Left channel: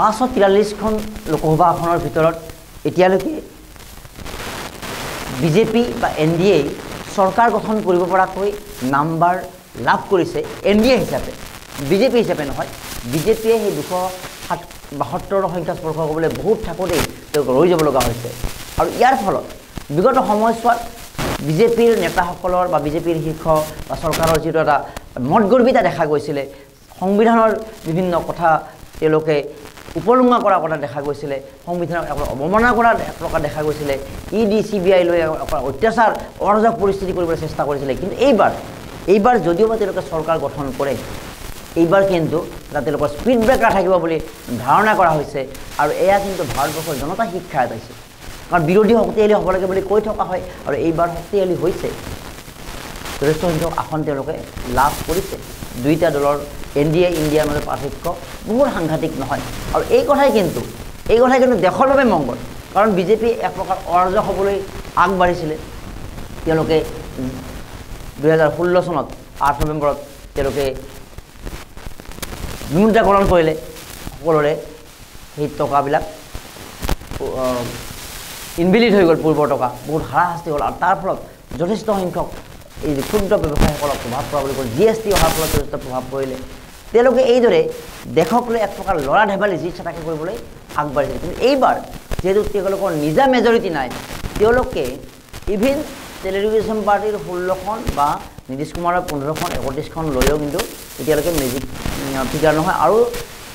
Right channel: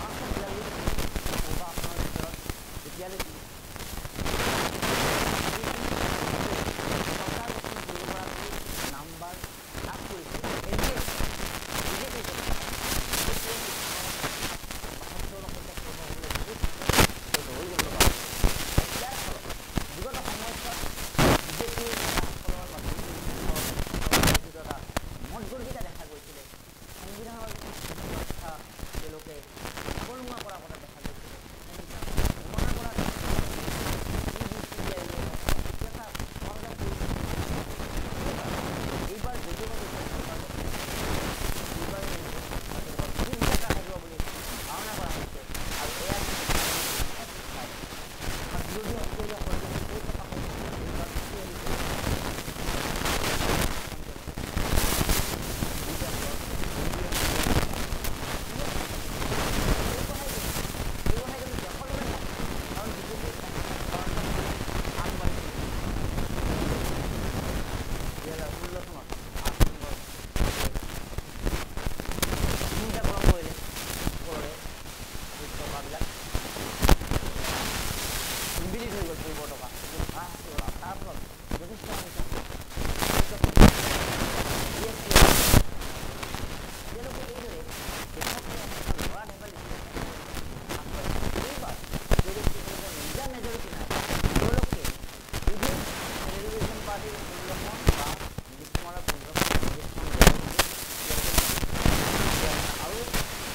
543খন লোকসভা আসনৰ ভিতৰত এতিয়ালৈকে বিজেপি বা এনডিএ চৰকাৰ গঠন কৰিব পৰাকৈ নাম্বাৰ লাভ কৰিছে এনডিএ হিচাপে বিজেপি হিচাপে নহয় বিজেপিয়ে সেই 272 সংখ্যা স্পৰ্শ কৰিবলৈ বহুত থাকোতেই তেওঁলোক ৰৈ যাব লগা হৈছে আৰু ইয়াৰ ফলত বিগত সময়ছোৱাত বিজেপিৰ নেতাসকলৰ বা বিজেপিৰ শীৰ্ষ বা চৰকাৰৰ যিটো এটা মতগৰ্বিতা দেখা গৈছিলে সংবিধানৰ বিভিন্ন কথা তেওঁলোকে উপলুঙা কৰা কথা দেখা গৈছিলে সংবিধানক অৱমাননা কৰা এক প্ৰকাৰ দেখা গৈছিলে ইডি সিবিআই লৈ অত্যাচাৰ অৰাজক পৰিস্থিতি কৰিবলৈ চেষ্টা কৰিছিলে কিন্তু এইবাৰ যদিও তেওঁলোকে চৰকাৰ গঠন কৰে এইবাৰ কিন্তু এটা তেওঁলোকৰ স্পীড ব্ৰেকাৰ থাকিব বুলি ধাৰণা কৰা হৈছে আৰু এয়া কিন্তু ভাৰতবৰ্ষৰ জনতা শিক্ষা এটাইছে কাৰণ বিৰোধী শক্তিশালী হ'ব লাগে বুলি কৈ থকা হয় আৰু এইবাৰ শক্তিশালী হৈছে যথেষ্ট সংখ্যক আসন তেওঁলোকে লাভ কৰিছে দুইটা দলৰ এনডিএ ইণ্ডিয়াৰ মাজত পাৰ্থক্য বহুত সাংঘাতিক নহয় আৰু এই কথাই কিন্তু দেশৰ বাবে মংগল কাৰণ বিজেপি এক প্ৰকাৰ অৰাজক হ'বলৈ আগবাঢ়িছিলে তেওঁলোকে 2016 চনত 8 নৱেম্বৰত তেওঁলোকে বিমুদ্ৰাকৰণ কৰিলে সকলোৰে সেই টকাবিলাক ইনভেলিড হৈ গ'ল পূৰ্বৰ টকা বহুত হাৰাশাস্তি হ'ল আৰু তাৰ ফলত যথেষ্ট সংখ্যক এই ক্ষুদ্ৰ ব্যৱসায়ীসকলক প্ৰভাৱ পৰা বুলি কয় জিএছটি অহাৰ ফলত যথেষ্ট প্ৰভাৱ পৰিলে তেওঁলোকে এইদৰে দেশক লৈ এক প্ৰকাৰ লৰা ধেমালি যি চাটাকে কৰিবলৈ আগবাঢ়িছিল কিন্তু এইবাৰ যেহেতু তেওঁলোকৰ নিজা মেজৰিটি নাই তেওঁলোকে ইভিন টেলিভিছন পাৰ্টিৰ 16খন বা নীতিশ কুমাৰৰ 15খন 31খন লৈও কিন্তু এতিয়ালৈকে মেজিক ফিগাৰ নহয় আৰু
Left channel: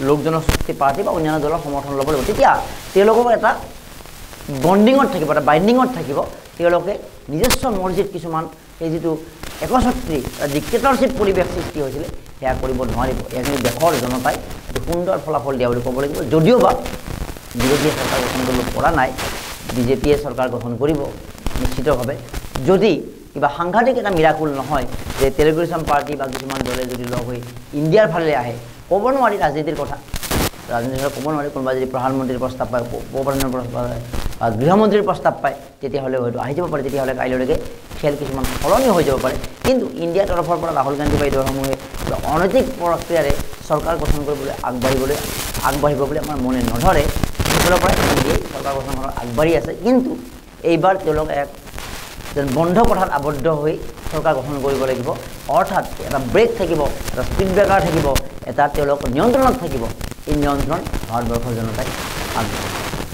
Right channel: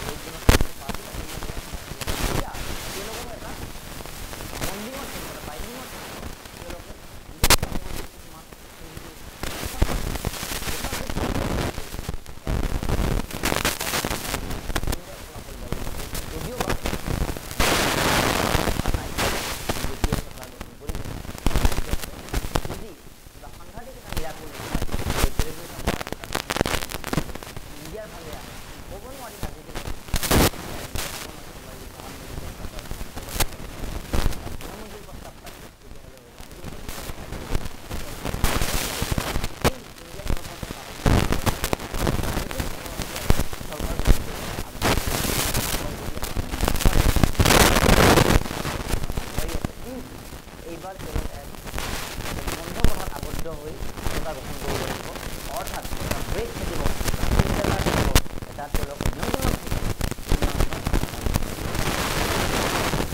লোক জনশক্তি পাৰ্টি বা অন্যান্য দলৰ সমৰ্থন ল'ব লাগিব তেতিয়া তেওঁলোকৰ এটা বন্ডিঙত থাকিব এটা বাইণ্ডিঙত থাকিব তেওঁলোকে নিজস্ব মৰ্জিত কিছুমান সেই যিটো একছত্ৰী ডিক্টেটৰশ্বিপ পৰিৱেশ সৃষ্টি হৈছিলে সেয়া কৰিব নোৱাৰিব এয়া কিন্তু দেশৰ জনতাই এটা সুন্দৰ ফলাফল দিয়া বুলি ক'ব লাগিব যদিও বা বিৰোধীয়ে চৰকাৰ গঠন কৰিব পৰা নাই বিজেপিয়ে চৰকাৰ গঠন কৰিব নিশ্চিতভাৱে যদি কিবা সাংঘাতিক এটা মিৰাকুল নহয় যে টেলিভিছন পাৰ্টি বা কিছুমান দলে যদি লগ হৈ ইণ্ডিয়াৰ ফালে আহে ক'ব নোৱাৰি ৰাজনীতিৰ কথা ৰাজনীতিৰ ক'ব নোৱাৰি কোনোবা যদি প্ৰধানমন্ত্ৰীৰ প্ৰস্তাৱ পায় উপপ্ৰধানৰ প্ৰস্তাৱ পায় বা গৃহমন্ত্ৰীৰ প্ৰস্তাৱ পায় তেতিয়াহ'লে হয়তো আহি যাব পাৰে তেতিয়াহ'লে কাইলৈকে খেল কিছুমান সলনি হৈ যাব পাৰে কিন্তু ইণ্ডিয়াৰ তৰফৰ পৰা ৰাহুল গান্ধী বা দলসমূহে কিবা অনৈতিক প্ৰক্ৰিয়াৰে চৰকাৰ গঠন কৰিবলৈ আগবাঢ়িব বুলি আমাৰ মনে নধৰে সেইফালৰ পৰা এনডিএ চৰকাৰ গঠন কৰাৰ আগবাঢ়ি আছে কিন্তু এইবাৰ তেওঁলোক এক যেন বন্ধ কথাত আবদ্ধ হৈ চৰকাৰ গঠন কৰিব লাগিব অৰ্থাৎ এটা ব্ৰেক থাকিব এটা স্পীড ব্ৰেকাৰ থাকিব এটা তেওঁলোক নিয়ন্ত্ৰণত থাকিব এই নিয়ন্ত্ৰণ ভাৰতবৰ্ষৰ জনতাই আগবাঢ়িছে